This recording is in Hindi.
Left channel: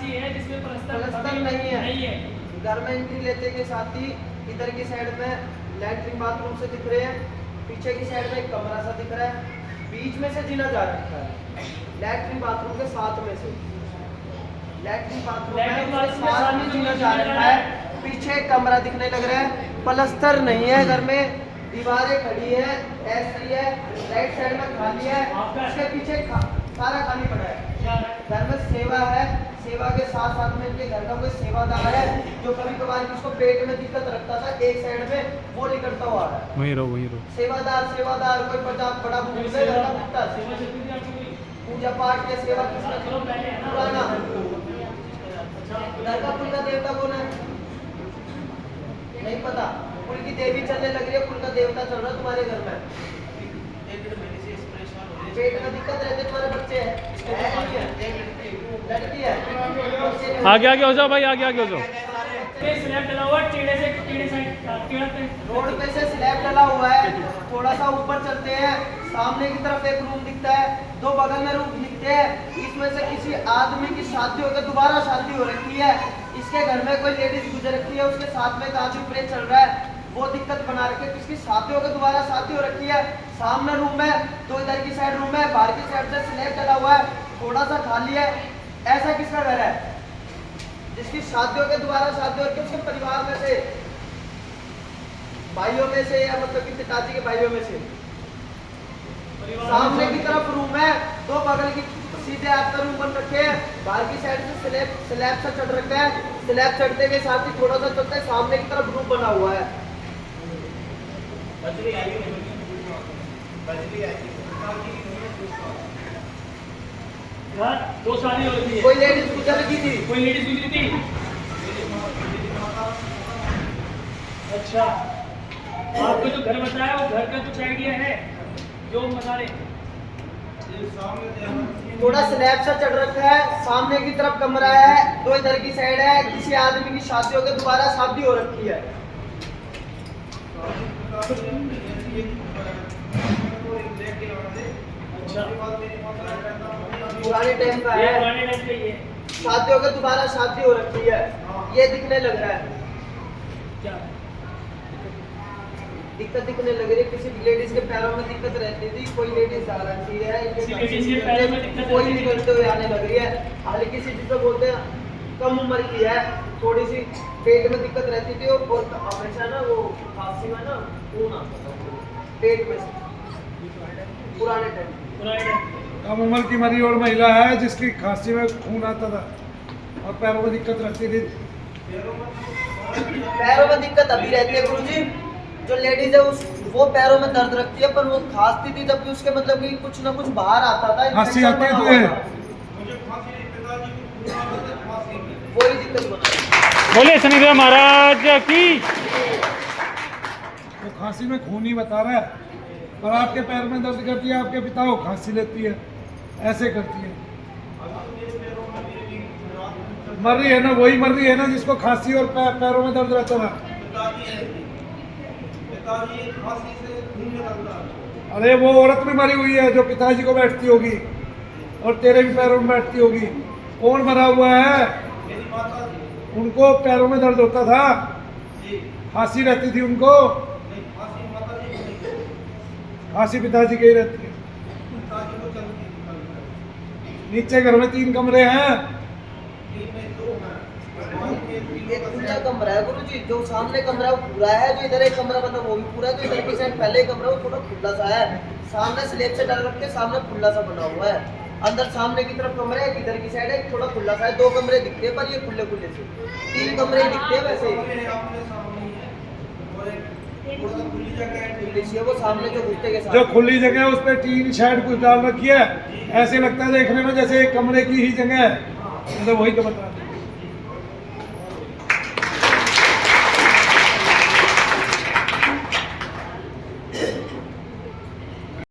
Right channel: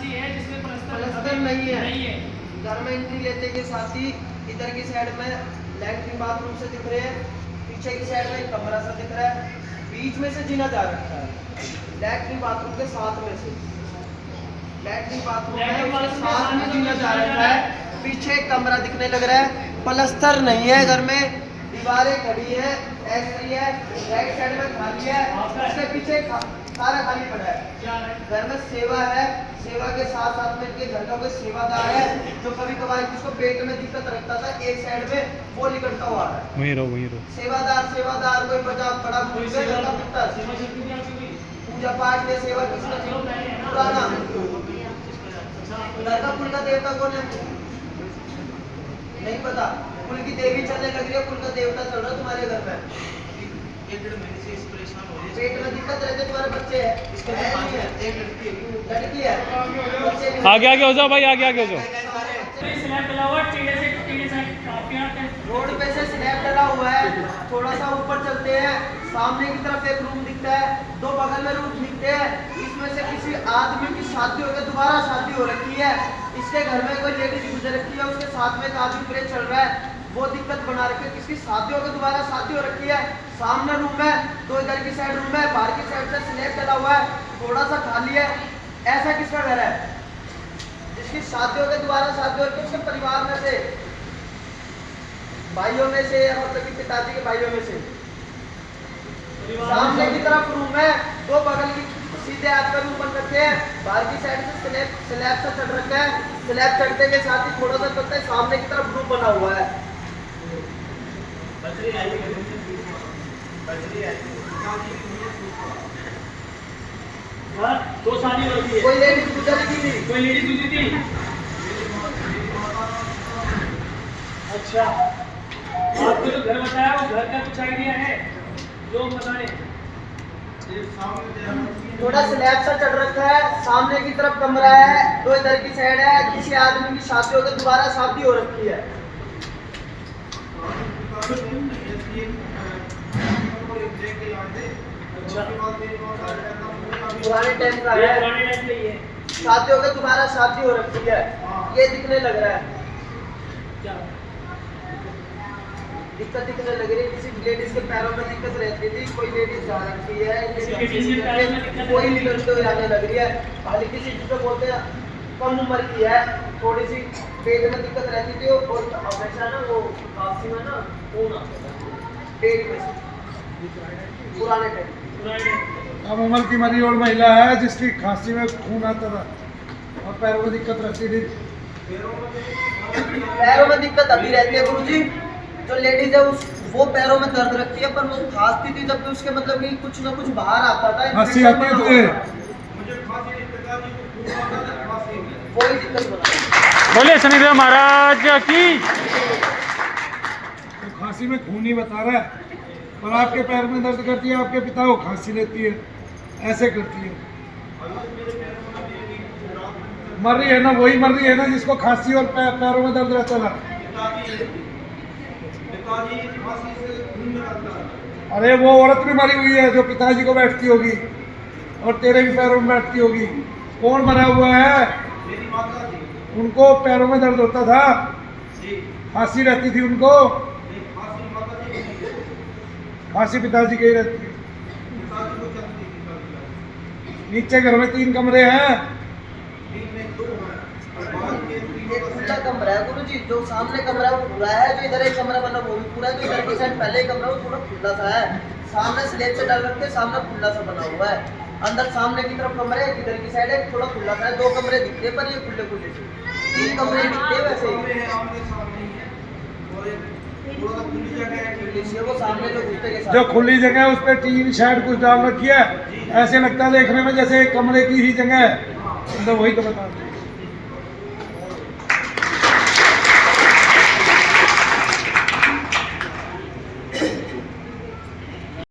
ऐसी है जिसमें प्लस्तर नहीं है। घर में एंट्री लेते के साथ ही इधर की साइड में लैट्रिन बाथरूम से दिख रहे हैं, पीछे की साइड में एक कमरा सा दिख रहा है, बीच में से जीना जा रखा है लैट्रिन बाथरूम के साथ में से। लैट्रिन बाथरूम है उसके साथ में जीना जा रखा है, पीछे एक कमरा दिखने लग रहा है, प्लस्तर नहीं है घर में, दीवारें खड़ी है, ऐसी है, राइट साइड में खाली है, उसके पीछे सारा खाली पड़ा है। घर में सेवा है, सेवा के साथ साथ में इनके घर का कोई सेवादार है जो कभी कभार जिसको पेट में दिक्कत रखता था एक साइड में, वो निकलता हुआ है। वहीं रहो। सेवादार कोई बड़ा पूजा पाठ के सेवा पुराना घर का कुल का देवता कौन है नहीं पता, कुल की देवी चलने लग रही है, कुल का देवता चल रहा है तुम्हारे घर में, पेट में दिक्कत रहती है, तुम्हारे बच्चे हैं, लड़की है, आगे हो जाओ भाई, आगे हो जाओ। रोड पे से स्लैब डला हुआ है, थोड़ा सा ऊपर चलते हैं, सामने की तरफ एक रूम दिखता है, दो बगल में रूम दिखते हैं, इसमें से किसी आदमी की शादी होकर दोबारा शादी हो रखी है, इसके घर में कोई लेडीज गुजर रखी है, उसके साथ में एक आदमी प्रे चल रहा है, वो दिक्कत बना रखी है, किसकी शादी होकर दोबारा शादी हो रखी है, सामने रूम है, तो इधर की साइड रूम है, बाहर की साइड से स्लैब डला हुआ है, थोड़ा सा खाली है, ऐसा किसका घर है जिसकी शादी होकर दोबारा शादी हो रखी है, उसके परिवार में से, भाइयों में से, या मतलब कि पिताजी के भाइयों में से। सामने की तरफ रूम है, दो बगल की सीधे आपका रूम बन रखे हैं, बाहर की साइड से स्लैब से चढ़ रखा है, स्लैब चढ़ने के साथ ही थोड़ा सा चलता है, सामने की तरफ रूम बना हुआ है। दो शादी हो रही है, कोई लेडीज गुजर की थी, कोई लेडीज गुजरी थी। अच्छा, आपको जो घर बताया वो घर का कुछ आइडिया है जो बता रहे? थोड़ा स्लैब सा चढ़ रखा है, सामने की तरफ कमरा है, दो इधर की साइड है, किसी आदमी की शादी होकर दोबारा शादी हो रखी है। अच्छा, पुराने टाइम का है, पुराने टाइम का ही है। शादी होकर दोबारा शादी हो रखी है, ये दिखने लग रहा है, क्या दिक्कत दिखने लग रही है, किसी लेडीज के पैरों में दिक्कत रहती थी, कोई लेडीज जा रखी है, किसी के पैरों में दिक्कत कोई निकलते हुए आने लग रही है, हल्की सी जिसको बोलते हैं कम उम्र की है, थोड़ी सी पेट में दिक्कत रहती थी और हमेशा ना वो खांसी में ना खून आता था पेट में से, पुराने टाइम। कम उम्र की मरी और महिला है जिसकी खांसी में खून आता था और पैरों में दिक्कत रहती थी। पैरों में दिक्कत अभी रहती है गुरुजी, जो लेडीज है उस वो पैरों में दर्द रखती है, पर वो खांसती थी तब भी उसके मतलब कि कुछ ना कुछ बाहर आता था, खांसी आती है तुझे? वही दिक्कत बना। बोले शनिदेव महाराज की। तो खांसी में खून ही बता रहा है, पर आपके पैर में दर्द करती है, आपके पिता को खांसी लेती है, ऐसे करती है। मर रही है ना, वही मर रही है ना जिसको खांसी और पैरों में दर्द रहता था। अरे वो औरत भी मरी हुई है जो पिताजी को बैठती होगी और तेरे भी पैरों में बैठती होगी। कौन मरा हुआ है? उनको पैरों में दर्द होता था, खांसी रहती थी उनको, खांसी पिताजी की ही रहती है। नीचे घर में 3 कमरे हैं, एक खुला कमरा है गुरुजी, जो सामने कमरा है वो पूरा है, जो इधर एक कमरा बना वो भी पूरा है, जो इधर की साइड पहले कमरा वो थोड़ा खुला सा है, सामने स्लेब से डाल रखे, सामने खुला सा बना हुआ है, अंदर सामने की तरफ कमरे है, इधर की साइड है थोड़ा खुला सा है, 2 कमरे दिखते हैं पर ये खुले खुले से, 3 कमरे दिखते हैं वैसे वो सामने जो घुसते के साथ जो खुली जगह है उस पर टीन शेड कुछ डाल रखी है, ऐसे लगता है देखने में जैसे एक कमरे की ही जगह है, तो वही तो बता